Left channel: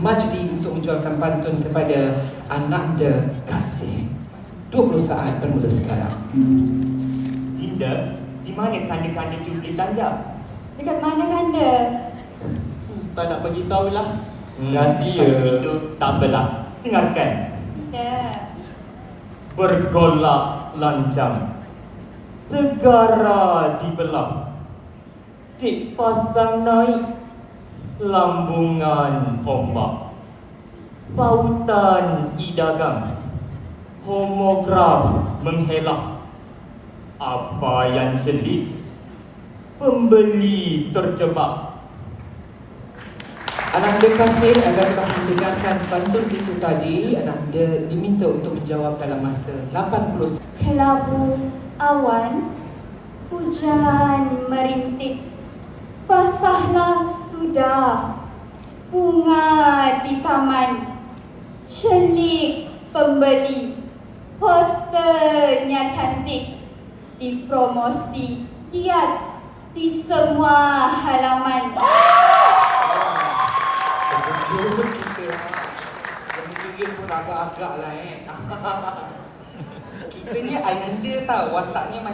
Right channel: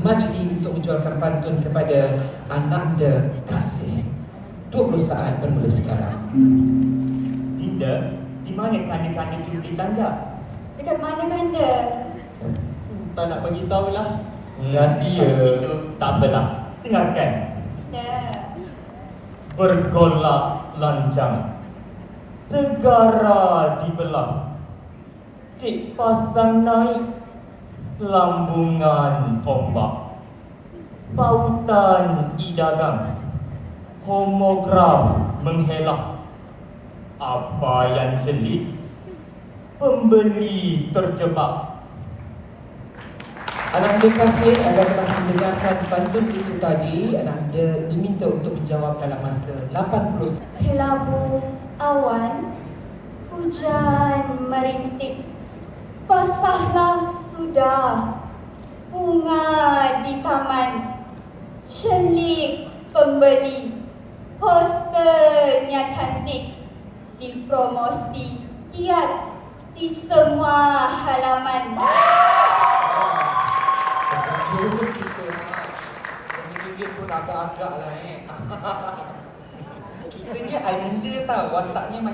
Majdi untuk menjualkan pantun kepada Ananda Kasih. 20 saat bermula sekarang. Dinda, di mana kanda-kanda tu ditanja? Dekat mana kanda? Tak nak bagi tahulah. Rahsia itu tak apalah. Dengarkan. Ya. Bergolak lancang, segara dibelah, dik pasang naik lambungan ombak, pautan idagang, homograf menghelah. Apa yang celik, pembeli terjebak. Ananda Kasih akan kita dengarkan pantun itu tadi. Ananda diminta untuk menjawab dalam masa 80. Kelabu awan, hujan merintik, basahlah sudah bunga di taman, celik pembeli, posternya cantik, dipromosi giat di semua halaman. Betul kita gigit pun agak-agak lah Kita ni ayanda tau, wataknya